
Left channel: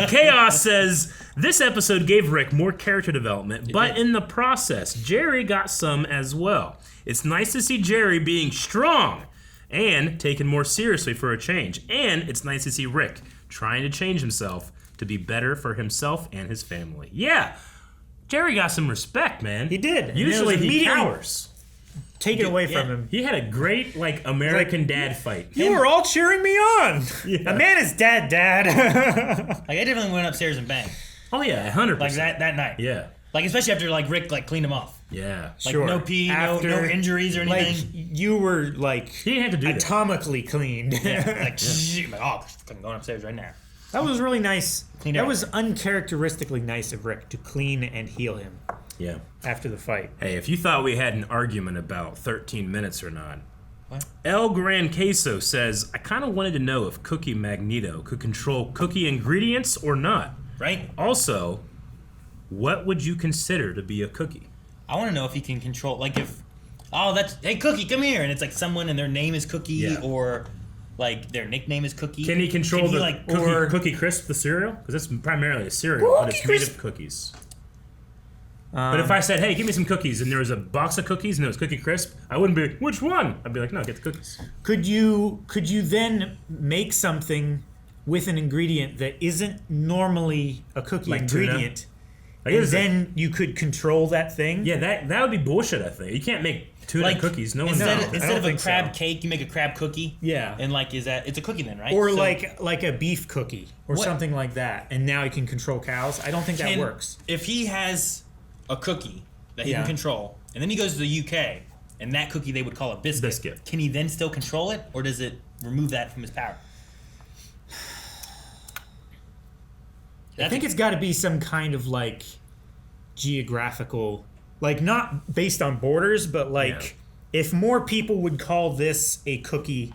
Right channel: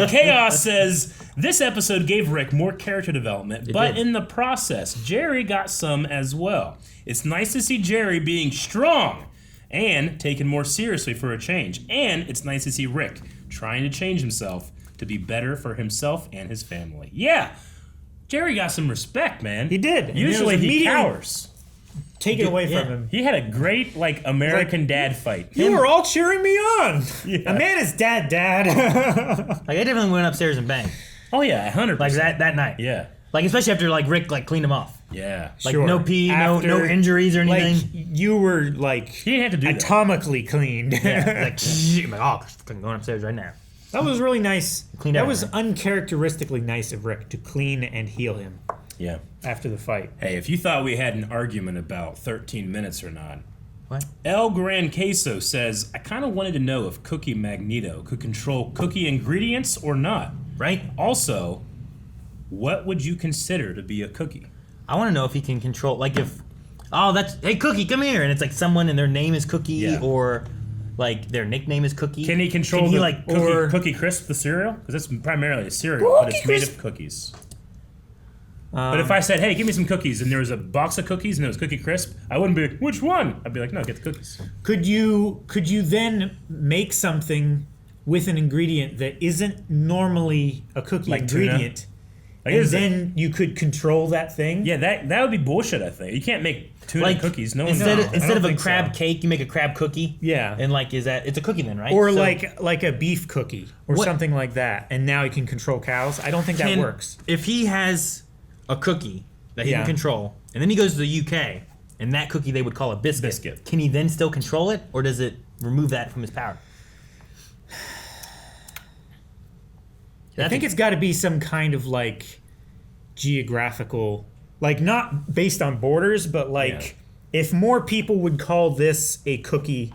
Chaos says, this episode gave Rick more character development, but in the process, Jerry got some as well. It's nice to see Jerry being strong and taken more seriously for a change. And it's nice to see Rick trying to change himself to be better for himself and his family. Yeah, Jerry got some respect, man. He did. Usually he cowers. Take it away from him. He had a great, American dad fight. You were all cheering me on. Yeah. A man is dad. Like, I definitely went upstairs and banged. Oh, yeah, 100%. Like, that night. Yeah. Like, especially after, Rick, cleaned him off. Yeah. Like, no pee, no injuries or anything. Like, you were, he didn't have to do atomically cleaned. Yeah, I'm going upstairs right now. That was really nice. That was uncharacteristically nice of Rick to clean and heal him. Yeah. After the fight. Hey, if you thought we had an argument about 13 minutes or not, what? El Gran Queso says, I kind of wanted to know if Cookie Magneto could control cookie ingredients or not. Right? Also, what would you consider to be a cookie? I want to know if he can control, hey, Cookie, come here. And it's like someone and their name is Cookie or their nickname is Cookie. Can he control Cookie Crisp, the cereal? Because that's primarily a cereal, but it's made of cookies. But if I said, hey, give me some cookies, and there was a box of cookies and it was Cookie Crisp, I wouldn't be like, which one? I'd be like, no, get the cookies. Could you then make something with an ingredient that isn't normally a cookie ingredient, and then you could control that thing? Yeah, that would be bullshit, I think. You can't make tuna cookies. No one instead of a crab cake, you make a crab cookie. Yeah. And it's a cookie then, right? Or like a beef cookie or something like that, and now he can control cows. I don't think that works. If he has a cookie that he can control, and then he goes to the UK, and that cookie they would call a biscuit. Can he then still control it, or does it remove that from his power? I think it's got to be some kind of geographical, not based on borders, but if more people would call this a cookie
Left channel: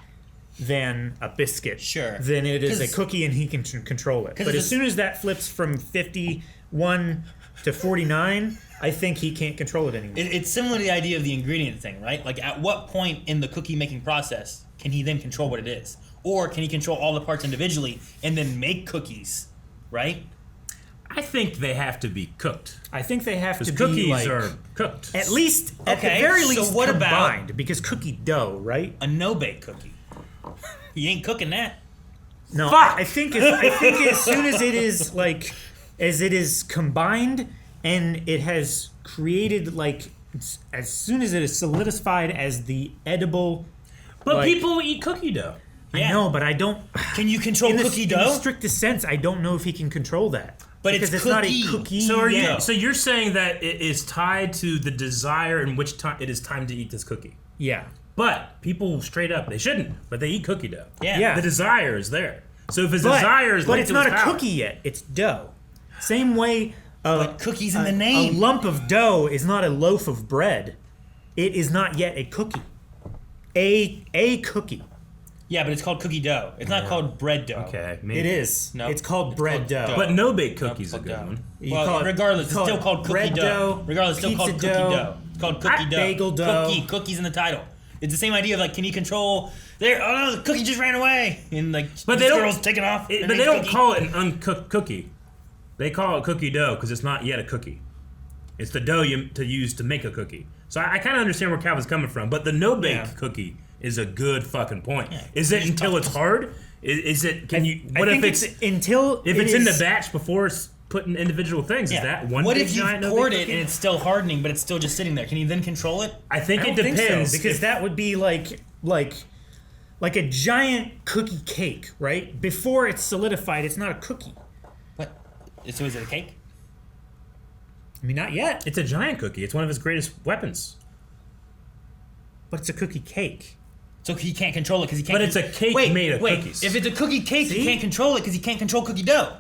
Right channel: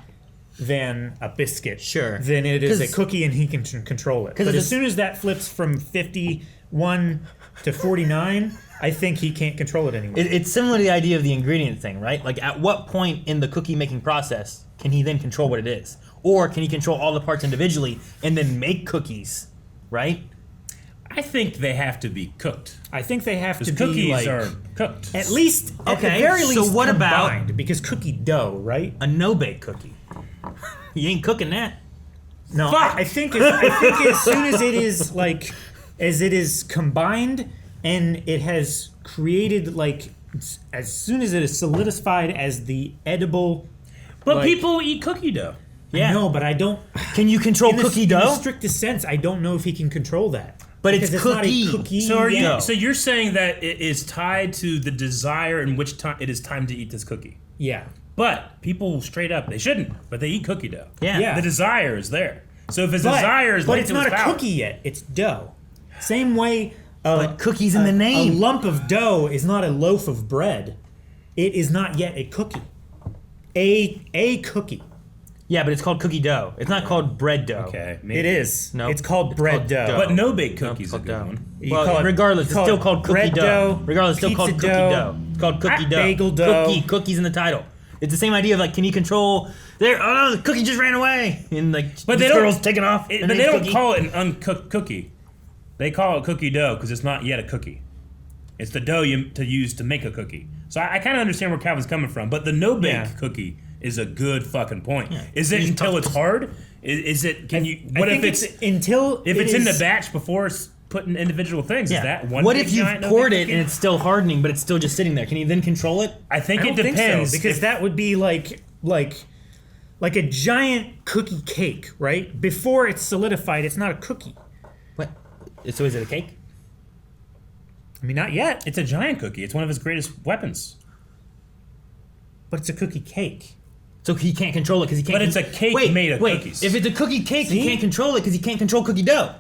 than a biscuit, then it is a cookie and he can control it. But as soon as that flips from 51 to 49, I think he can't control it anymore. It's similar to the idea of the ingredient thing, right? Like, at what point in the cookie making process can he then control what it is? Or can he control all the parts individually and then make cookies, right? I think they have to be cooked. I think they have to be cookies are cooked. At least, at the very least, what combined, because cookie dough, right? A no-bake cookie. You ain't cooking that. No, I think as soon as it is as it is combined and it has created as soon as it is solidified as the edible. But people eat cookie dough. I know, but I don't. Can you control cookie dough? In the strictest sense, I don't know if he can control that. But because it's not a cookie. So you're saying that it is tied to the desire in which time it is time to eat this cookie. Yeah. But people straight up, they shouldn't, but they eat cookie dough. Yeah. The desire is there. So if his desire is but it's not a cookie yet. It's dough. Same way. But cookies in the name. A lump of dough is not a loaf of bread. It is not yet a cookie. A cookie. Yeah, but it's called cookie dough. It's not called bread dough. Okay, maybe. It is. No, it's called bread dough. But no baked cookies a good one. Well, regardless, it's still called cookie dough. Regardless, it's still called cookie dough. It's called cookie dough. Bagel dough. Cookies in the title. It's the same idea of can you control? The cookie just ran away, and but the girl's taking off. But they don't call it an uncooked cookie. They call it cookie dough because it's not yet a cookie. It's the dough to use to make a cookie. So I kind of understand where Calvin's coming from, but the no-bake cookie is a good fucking point. Yeah. Is it until it's hard? Is it? Can you? What if it's until if it's in the batch before it's put in individual things? Yeah. Is that one? What if you poured it and it's still hardening, but it's still just sitting there? Can you then control it? I think it depends. Think so, because that would be like a giant cookie cake, right? Before it's solidified, it's not a cookie. What? So is it a cake? I mean, not yet. It's a giant cookie. It's one of his greatest weapons. But it's a cookie cake. So he can't control it because he can't. But it's a cake made of cookies. If it's a cookie cake, he can't control it because he can't control cookie dough.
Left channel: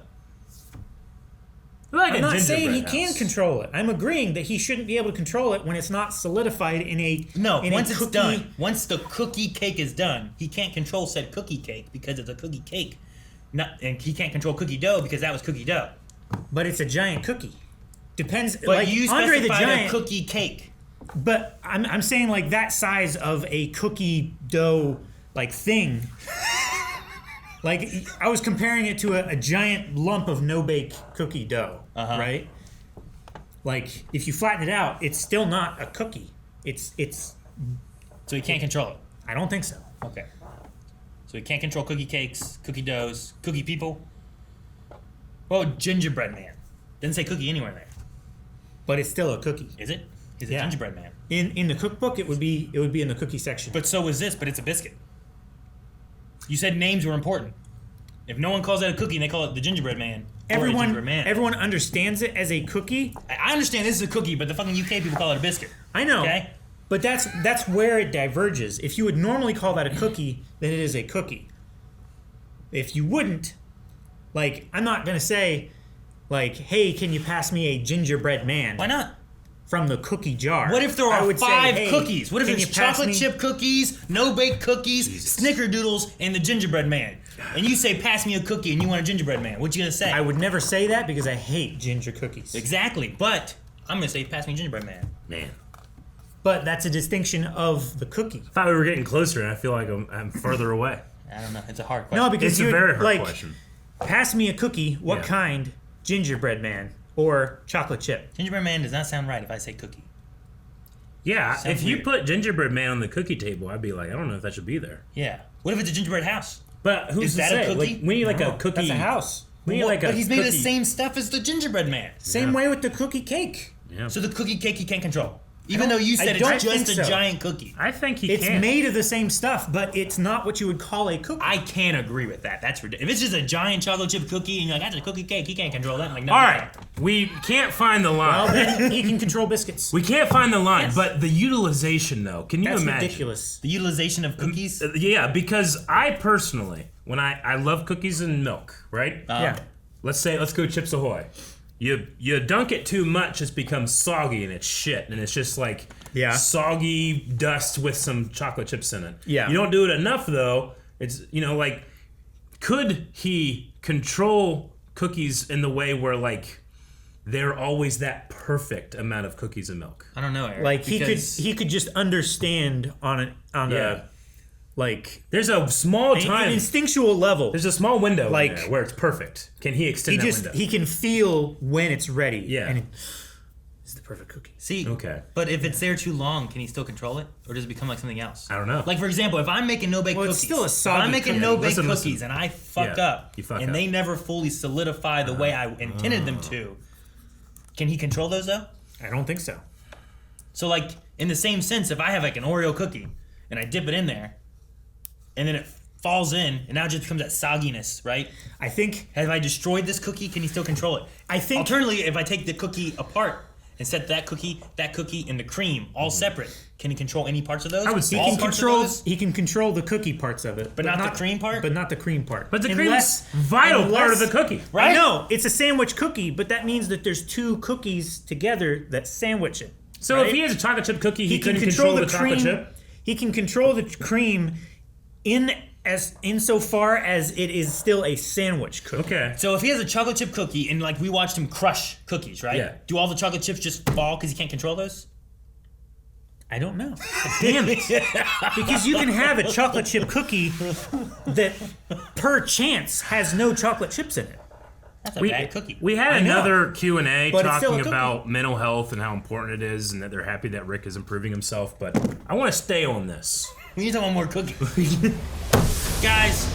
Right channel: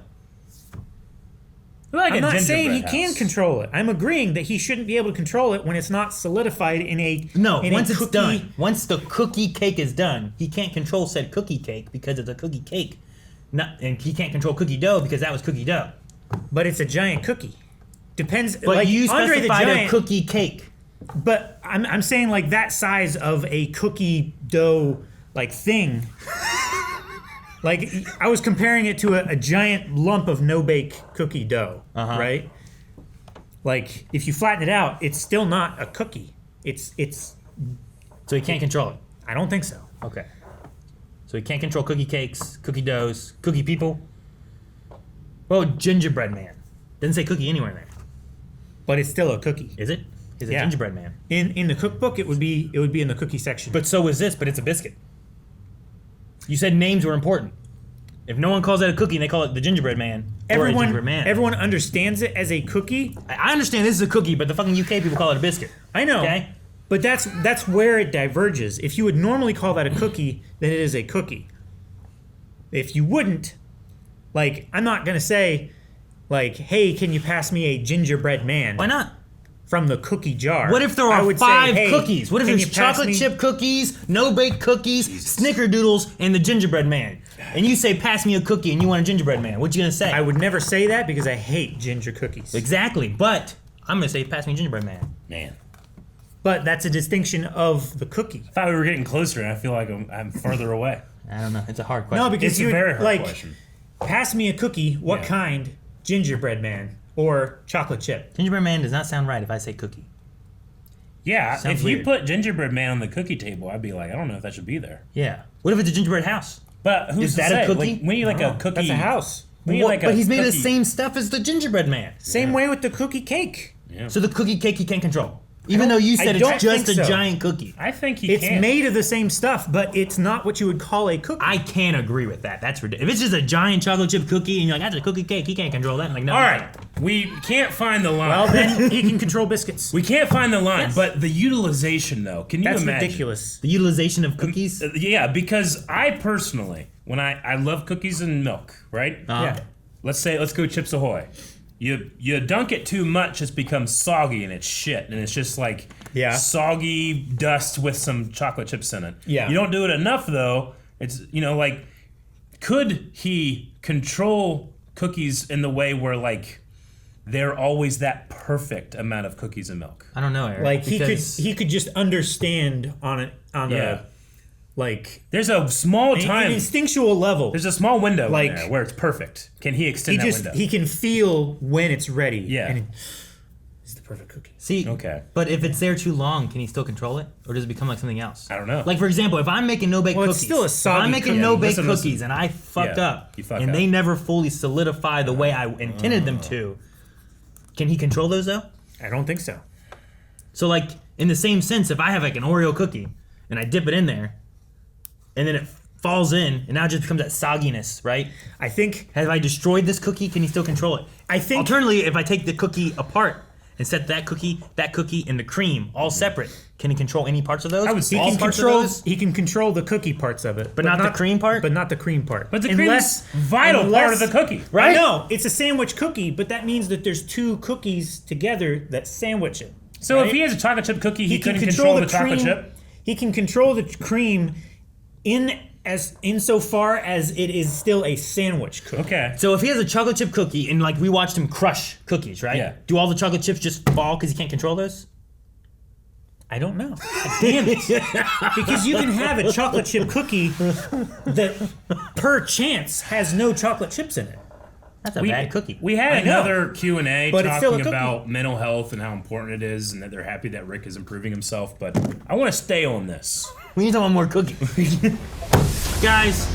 I'm not saying he can control it. I'm agreeing that he shouldn't be able to control it when it's not solidified in a once it's done. Once the cookie cake is done, he can't control said cookie cake because it's a cookie cake. And he can't control cookie dough because that was cookie dough. But it's a giant cookie. Depends. But like you Andre the specified Giant a cookie cake. But I'm saying like that size of a cookie dough like thing. Like I was comparing it to a giant lump of no-bake cookie dough, right? Like if you flatten it out, it's still not a cookie. It's. So he can't control it. I don't think so. Okay. So he can't control cookie cakes, cookie doughs, cookie people. Well, gingerbread man. Didn't say cookie anywhere there. But it's still a cookie. Is it? He's a gingerbread man. In the cookbook, it would be in the cookie section. But so is this. But it's a biscuit. You said names were important. If no one calls it a cookie and they call it the gingerbread man, or a gingerbread man. Everyone understands it as a cookie. I understand this is a cookie, but the fucking UK people call it a biscuit. I know. Okay? But that's where it diverges. If you would normally call that a cookie, then it is a cookie. If you wouldn't, like, I'm not gonna say, like, hey, can you pass me a gingerbread man? Why not? From the cookie jar. What if there are 5 cookies? What if there's chocolate chip cookies, no-bake cookies, snickerdoodles, and the gingerbread man? And you say, pass me a cookie, and you want a gingerbread man. What you gonna say? I would never say that because I hate ginger cookies. Exactly, but I'm gonna say, pass me a gingerbread man. Man. But that's a distinction of the cookie. I thought we were getting closer, and I feel like I'm further away. I don't know. It's a hard question. No, because it's a very hard question. Pass me a cookie. What kind? Gingerbread man or chocolate chip? Gingerbread man does not sound right if I say cookie. Yeah, if you put gingerbread man on the cookie table, I'd be like, I don't know if that should be there. Yeah. What if it's a gingerbread house? But who's is that a cookie? Like, when you like a cookie, that's a house. But he's made of the same stuff as the gingerbread man. Same way with the cookie cake. Yeah. So the cookie cake he can't control. Even though you said it's just a giant cookie. I think it's made of the same stuff, but it's not what you would call a cookie. I can't agree with that. That's ridiculous. If it's just a giant chocolate chip cookie and you're like, that's a cookie cake, he can't control that. I'm like, no. All right, we can't find the line. Well, then he can control biscuits. We can't find the line, but the utilization, though, can you imagine? That's ridiculous. The utilization of cookies? Yeah, because I personally, when I love cookies and milk, right? Yeah. Let's go Chips Ahoy. You dunk it too much, it becomes soggy and it's shit, and it's just like soggy dust with some chocolate chips in it. Yeah. You don't do it enough though. It's like, could he control cookies in the way where like they're always that perfect amount of cookies and milk? I don't know, Eric. Like he could just understand on a like there's a small time an instinctual level. There's a small window like in there where it's perfect. Can he extend that window? He can feel when it's ready. Yeah. And it's the perfect cookie. See, okay. But if it's there too long, can he still control it? Or does it become like something else? I don't know. Like, for example, if I'm making no-bake cookies. It's still a soggy I'm making cookie. no-bake cookies and I fucked up. And they never fully solidify the way I intended them to. Can he control those, though? I don't think so. So, like, in the same sense, if I have, like, an Oreo cookie and I dip it in there, and then it falls in, and now it just becomes that sogginess, right? I think... Have I destroyed this cookie? Can he still control it? I think... Alternatively, if I take the cookie apart and set that cookie, and the cream all separate, can he control any parts of those? He can control the cookie parts of it. But not the cream part? But not the cream part. But the cream is vital part of the cookie, right? I know. It's a sandwich cookie, but that means that there's 2 cookies together that sandwich it. So right? if he has a chocolate chip cookie, he can control the chocolate chip? He can control the cream insofar as it is still a sandwich cookie. Okay. So if he has a chocolate chip cookie and like we watched him crush cookies, right? Yeah. Do all the chocolate chips just fall because he can't control those? I don't know. Damn it. Because you can have a chocolate chip cookie that per chance has no chocolate chips in it. That's a bad cookie. We had I know. another Q&A But it's still a talking cookie. about mental health and how important it is and that they're happy that Rick is improving himself, but I want to stay on this. We need one more cookie. Guys,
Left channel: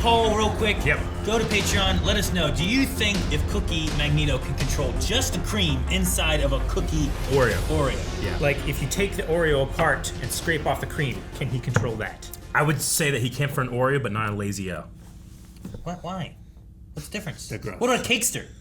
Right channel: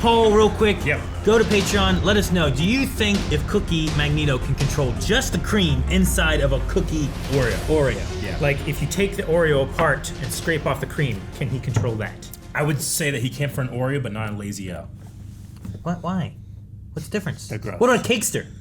poll real quick. Yep. Go to Patreon. Let us know. Do you think if Cookie Magneto can control just the cream inside of a cookie Oreo? Yeah. Like, if you take the Oreo apart and scrape off the cream, can he control that? I would say that he can for an Oreo, but not a Lazy O. What? Why? What's the difference? They're gross. What about a Cakester?